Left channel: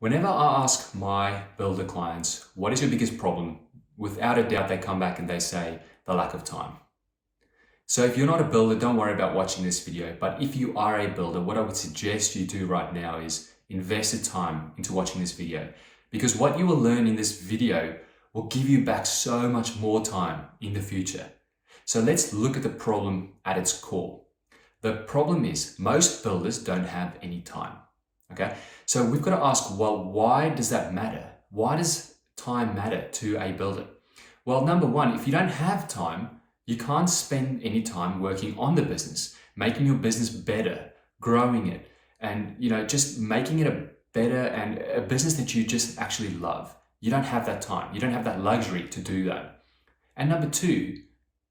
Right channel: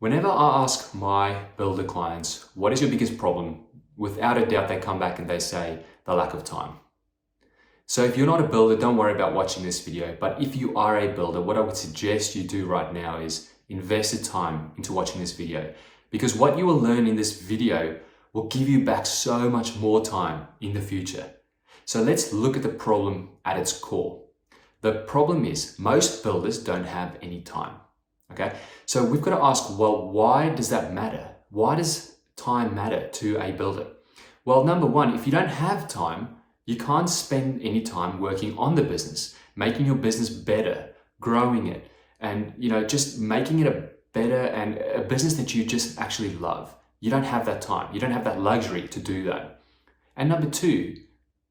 Whenever I ask my builder clients, what is your biggest problem? Without a doubt, they come back and they say the lack of time. So if you're not a builder, don't worry about watching this video. But if you are a builder, what I would suggest you do right now is invest the time into watching this video, because what you will learn in this video will give you back so much more time in the future. So let's look at the problem at its core. The problem is most builders don't have any time. Okay, so we've got to ask, well, why does that matter? Why does time matter to a builder? Well, number one, if you don't have time, you can't spend any time working on the business, making your business better, growing it, and just making it a better and a business that you just actually love. You don't have that time. You don't have that luxury to do that. And number two,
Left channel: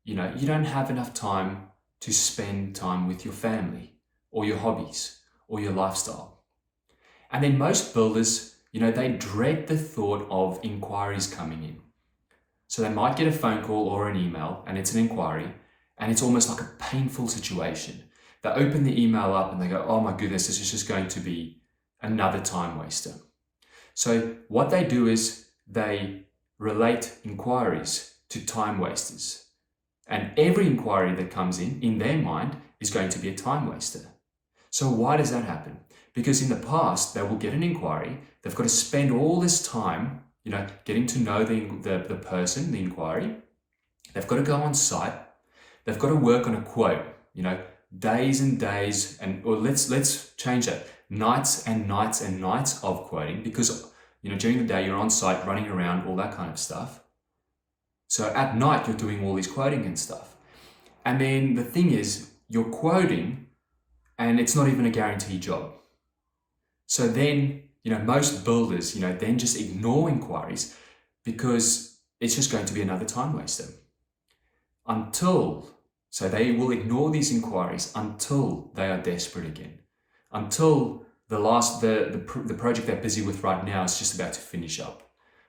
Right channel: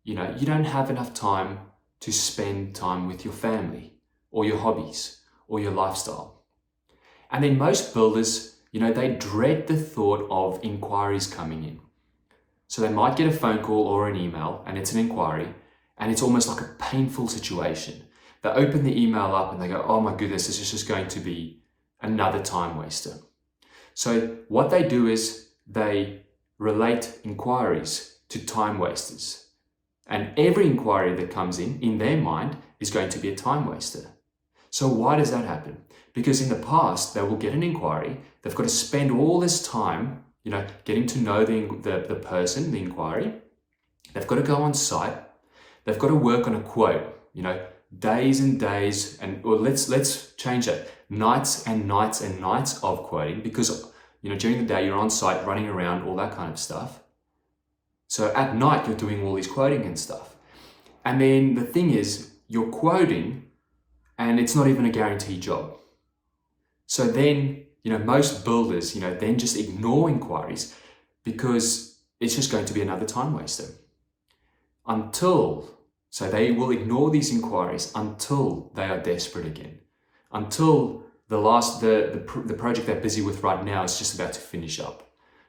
you don't have enough time to spend time with your family or your hobbies or your lifestyle. And then most builders, they dread the thought of inquiries coming in. So they might get a phone call or an email and it's an inquiry, and it's almost like a painful situation. They open the email up and they go, oh my goodness, this is just going to be another time waster. So what they do is they relate inquiries to time wasters. And every inquiry that comes in their mind, is going to be a time waster. So why does that happen? Because in the past, they will get an inquiry. They've got to spend all this time, getting to know the person, the inquiry. They've got to go on site. They've got to work on a quote, days and days, or let's change that. Nights and nights and nights of quoting, because, during the day you're on site running around, all that kind of stuff. So at night, you're doing all this quoting and stuff. And then the thing is, you're quoting and it's not even a guaranteed job. So then, most builders, then just ignore inquiries because it's just going to be another time waster. So they will ignore these inquiries until they are desperate again. Until the project they're busy with right now is just about to finish up.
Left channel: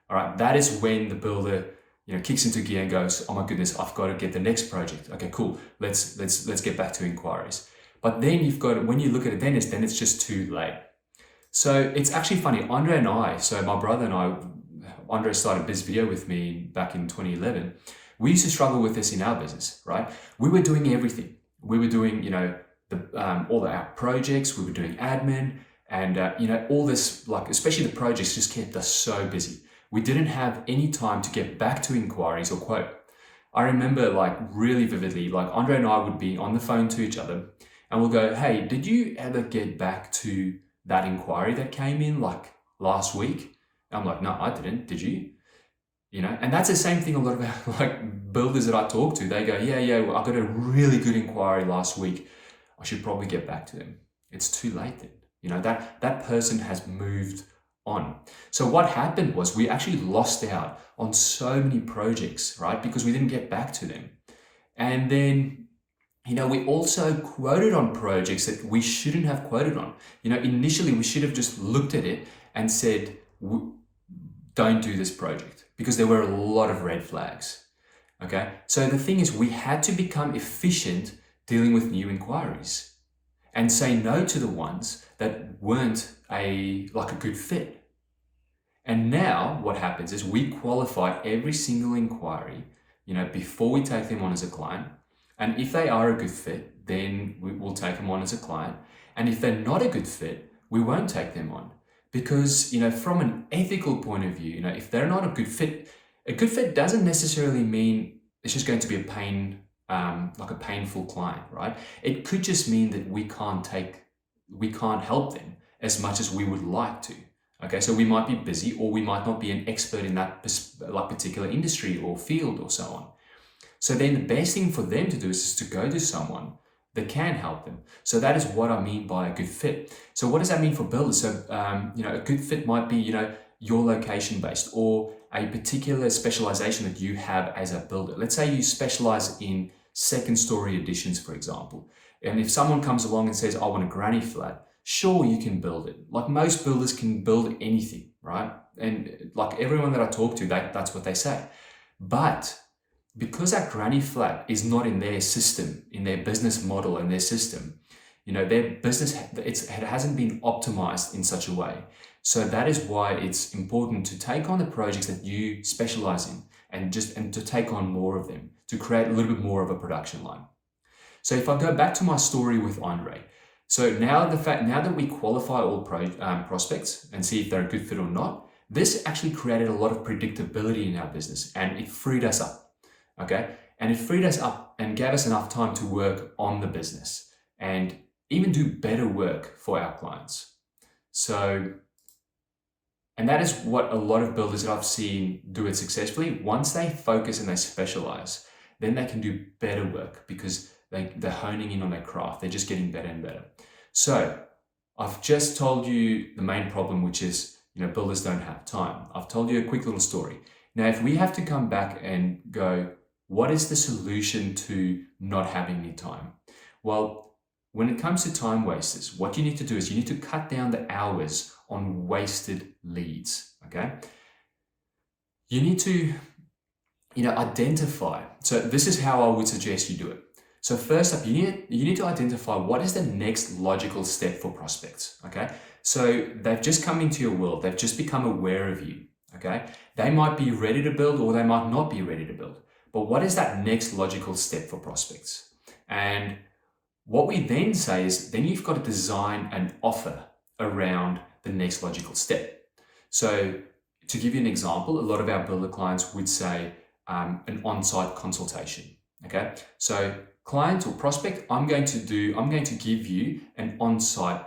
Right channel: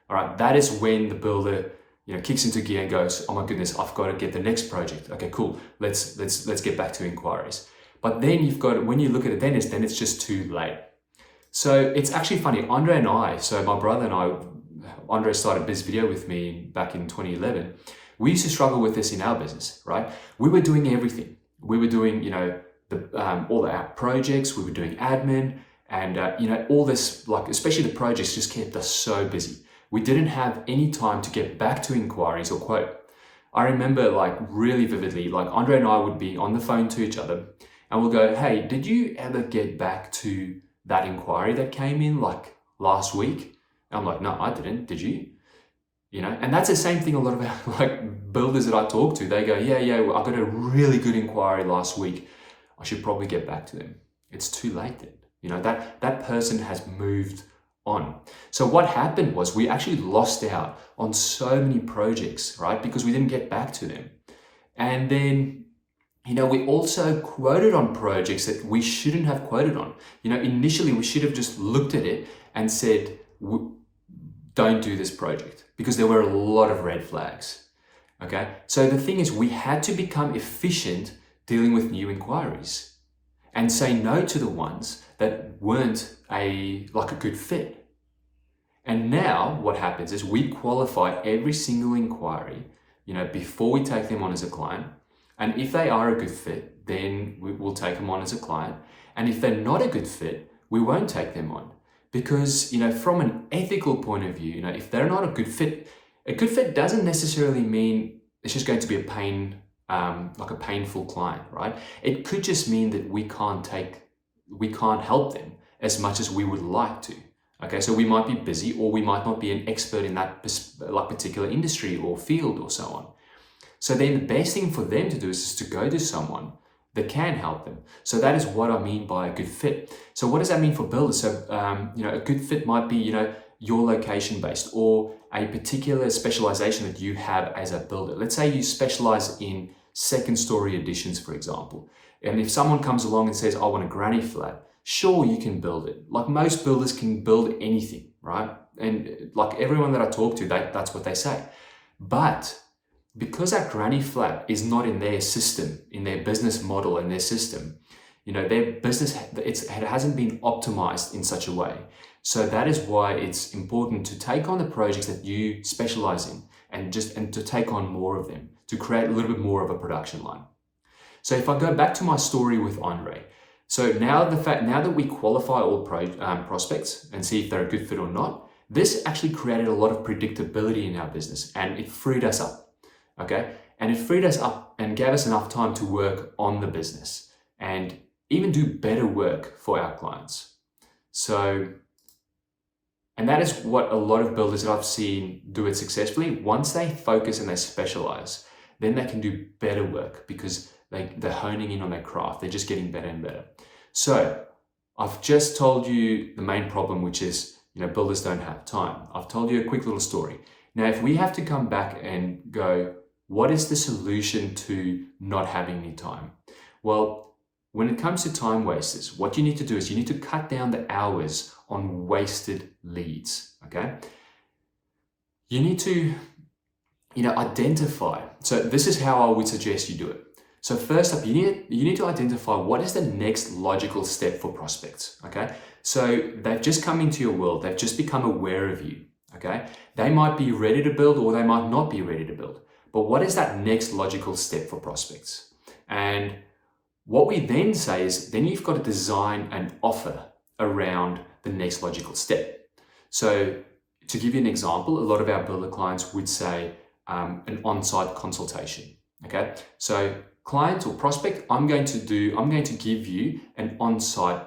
All right, that is when the builder kicks into gear and goes, oh my goodness, I've got to get the next project. Okay, cool. Let's get back to inquiries. But then when you look at it, then it's just too late. So it's actually funny. Andre and I, so my brother and I, Andre started this video with me back in 2011. We used to struggle with this in our business, right? We were doing everything. We were doing, all our projects. We were doing admin, and all this, especially the projects, just kept us so busy. We didn't have any time to get back to inquiries or quote. I remember really vividly, Andre and I would be on the phone to each other and we'll go, hey, did you ever get back to that inquiry that came in last week? And I'm like, no, I didn't. Did you? And that's the same thing a lot of our builders that I talk to, they go, yeah, well, I got a really good inquiry last week. I should probably get back to them. It's too late then. That person has moved on. So what happened was we actually lost out on so many projects, right? Because we didn't get back to them. And then, we also quoted on projects that we shouldn't have quoted on. Initially we should have just looked at it and said, don't do this project, because there were a lot of red flags. Okay. So the thing is, we had to become efficient dealing with new inquiries and say no to the ones that weren't a good fit. And now what happens is we qualify every single inquiry, before we take them on as a client. And if they are a good fit, then we will take them on as a client. And if they're not a good fit, we won't take them on. Because, from an ethical point of view, if they're not a good fit doesn't necessarily mean it's just going to be a painful client, right? It could just mean that we can't help them as much as we would like to. Okay, so we might be busy, or we might not be an expert in that particular industry or field or so on. So then the best thing for them to do is just to go to someone that can help them. So that is what I mean by a good fit. So what does that mean for builders? So, a good fit might be, your location based, or a particular specialization that you have as a builder. Let's say you specialize in second story additions, for example. And if someone comes along and says, I want a granny flat, sure, you can build it. Most builders can build anything, right? And everyone that I talk to, that's what they say. But because that granny flat is not in their system, in their business model, in their system, their business, it hasn't been optimized in such a way So that is why it's important to take on the projects that you specialize in and to take on more of them to create a little bit more of a production line. So if I go back to my story with Andre, so now that we qualify all prospects and see if they're a good fit or not, this actually created a lot of predictability in our business and it freed us up, okay? And it freed us up and gave us enough time to work on the business and even do better work for our clients. So, and that is what a lot of builders that I've seen do it successfully. Once they focus and they specialize, then they can do better work because they're honing in on their craft. They're just getting better and better. So I've just told you the main problem, which is, builders don't have time. I've told you a quick little story. Now, if we have to come back and go, what is the solution to not having any time? Well, when it comes to time wasters, what you need to do is you need to cut down the hours on wasted leads, okay? You need to, identify. So this is how I would suggest you do it. So first up, you need to identify what is the next logical step for prospects, okay? So they've just come into your world. They've just become aware of you, okay? They might be ready to build or they might not be ready to build. But what is that next logical step for prospects? And what we then say is, then you've got to design an offer around the next logical step. So to give you an example, a lot of our builder clients would say an on-site consultation, okay? So client or prospect, I'm going to give you an on-site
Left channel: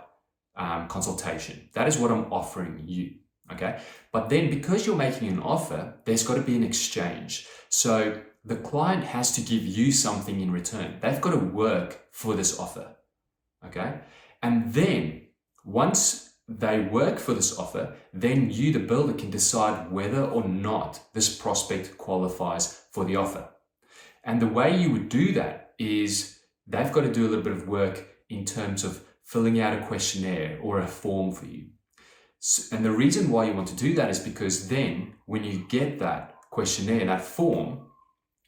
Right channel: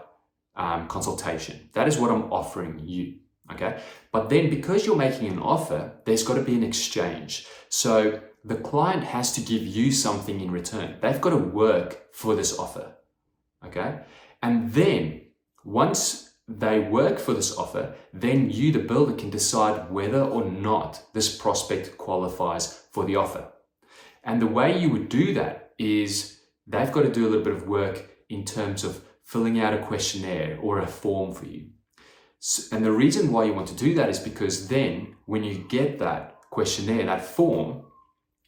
consultation. That is what I'm offering you, okay? But then because you're making an offer, there's got to be an exchange. So the client has to give you something in return. They've got to work for this offer, okay? And then once they work for this offer, then you, the builder, can decide whether or not this prospect qualifies for the offer. And the way you would do that is they've got to do a little bit of work in terms of filling out a questionnaire or a form for you. And the reason why you want to do that is because then when you get that questionnaire, that form,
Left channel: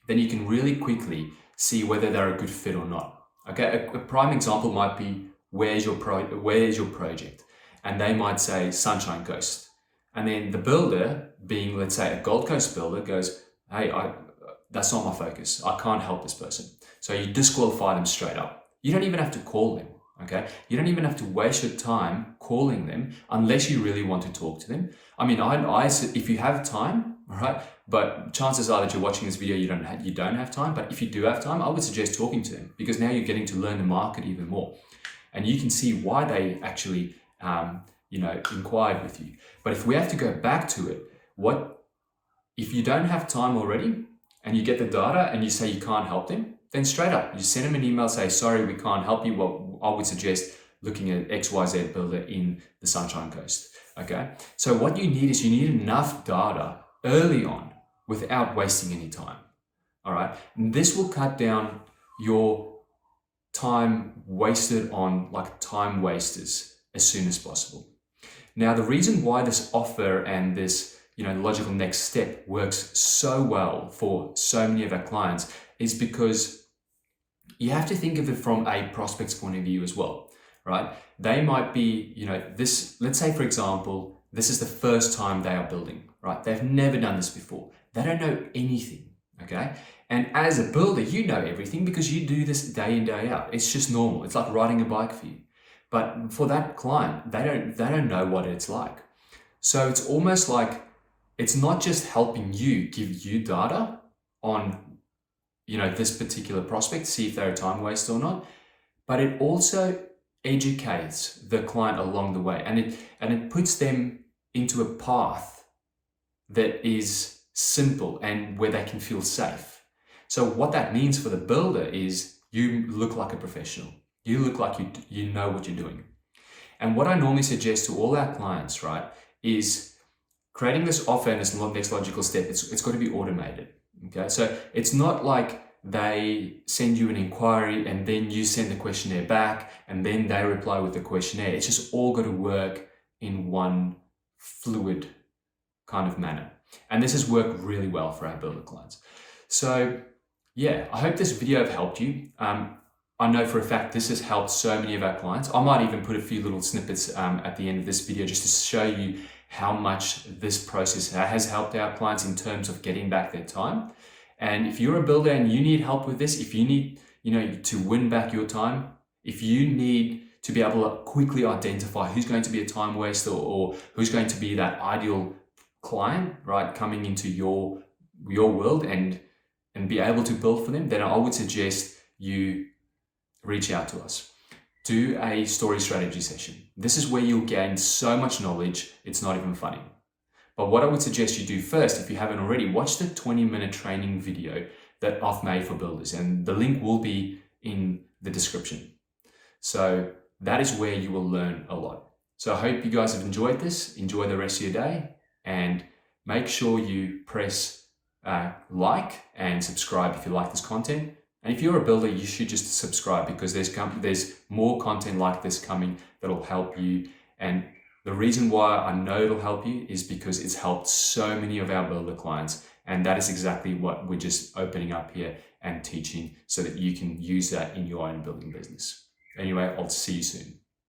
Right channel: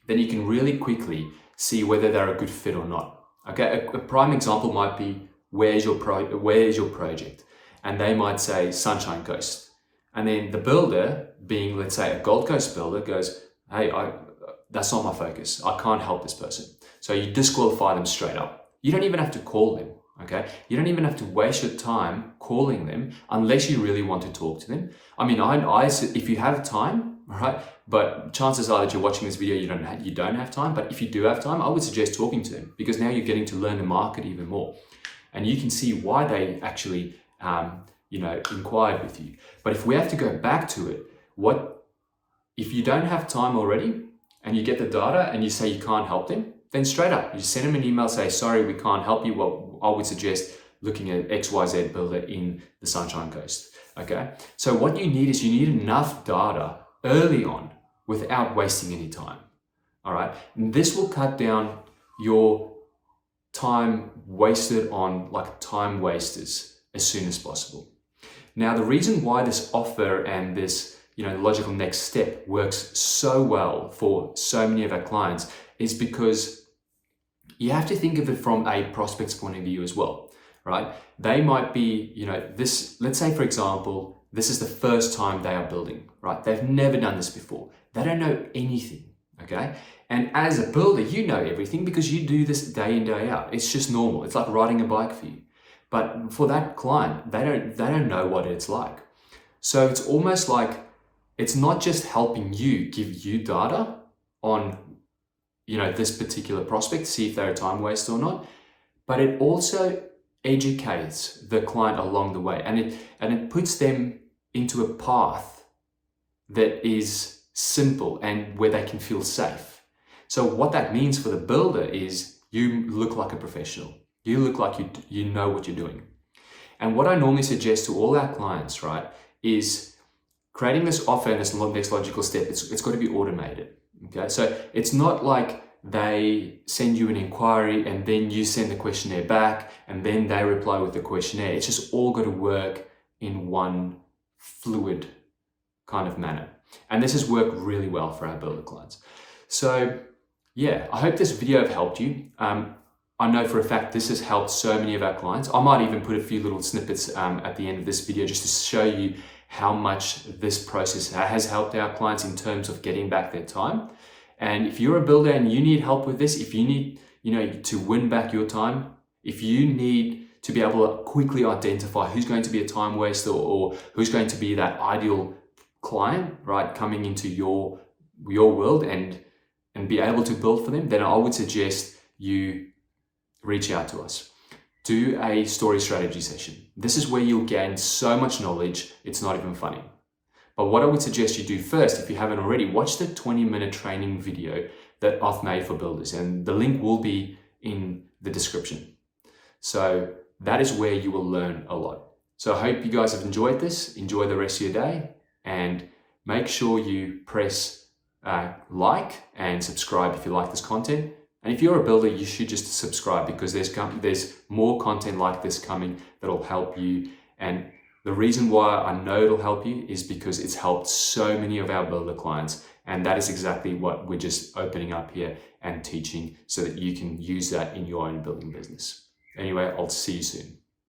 then you can really quickly see whether they're a good fit or not. Okay, a prime example might be, where's your project? And they might say Sunshine Coast. And then the builder, being, let's say, a Gold Coast builder, goes, hey, that's not my focus. I can't help this person. So you disqualify them straight up. You don't even have to call them, okay? You don't even have to waste your time calling them unless you really want to talk to them. I mean, if you have time, right? But chances are that you're watching this video, you don't have time. But if you do have time, I would suggest talking to them because now you're getting to learn the market even more. And you can see why they actually, inquired with you. But if we have to go back to it, if you don't have time already and you get the data and you say you can't help them, then straight up, you send them an email, say, sorry, we can't help you. Well, I would suggest looking at XYZ builder in the Sunshine Coast, okay? So what you need is you need enough data early on without wasting any time, all right? And this will cut down your time wasted on time wasters as soon as possible. Now, the reason why this offer and this logical next step works so well for so many of our clients is because you have to think of it from a prospect's point of view as well, right? They might be, let's say, for example, this is the first time they are building, right? They've never done this before. They don't know anything, okay? And as a builder, you know everything because you do this day in, day out. It's just normal. It's like riding a bike for you. But for that client, they don't know what it's like. So it's almost like it's not just helping you give you data on this particular prospect, see if they're a time waster or not, but it also educates the client along the way, and it puts them into a path that is simple and where they can feel safe. So what that means for the builder is you look like a professional. You look like you know what you're doing. And what I normally suggest to all our clients, right, is creating this offer and this next logical step. It's got to be automated. Okay, so it's not like they send you an inquiry and then you send the questionnaire back and then they reply with the questionnaire. It's just all got to work in one fluid kind of manner. And this has worked really well for our builder clients. So yeah, I hope this video have helped you. I know for a fact this has helped so many of our clients. I might even put a few little snippets at the end of this video just to show you how much this process has helped our clients in terms of getting back their time. And if you're a builder and you need help with this, if you need, to win back your time, if you need to be able to quickly identify who's going to be a time waster or who's going to be that ideal client, right, coming into your world and be able to build for them, then I would suggest you reach out to us. Do a story strategy session. This is where you'll gain so much knowledge, it's not even funny. But what I would suggest you do first, if you haven't already, watch the 20-minute training video that I've made for builders, and the link will be in the description. So that is where you will learn a lot. So I hope you guys have enjoyed this. Enjoy the rest of your day, and make sure you press like and subscribe if you like this content. And if you're a builder, you should just subscribe, because there's more content like this coming that'll help you. And the reason why I know it'll help you is because it's helped so many of our builder clients. And that is exactly what we're just opening up here and teaching, so that you can use that in your own building business. Anyway, I'll see you soon.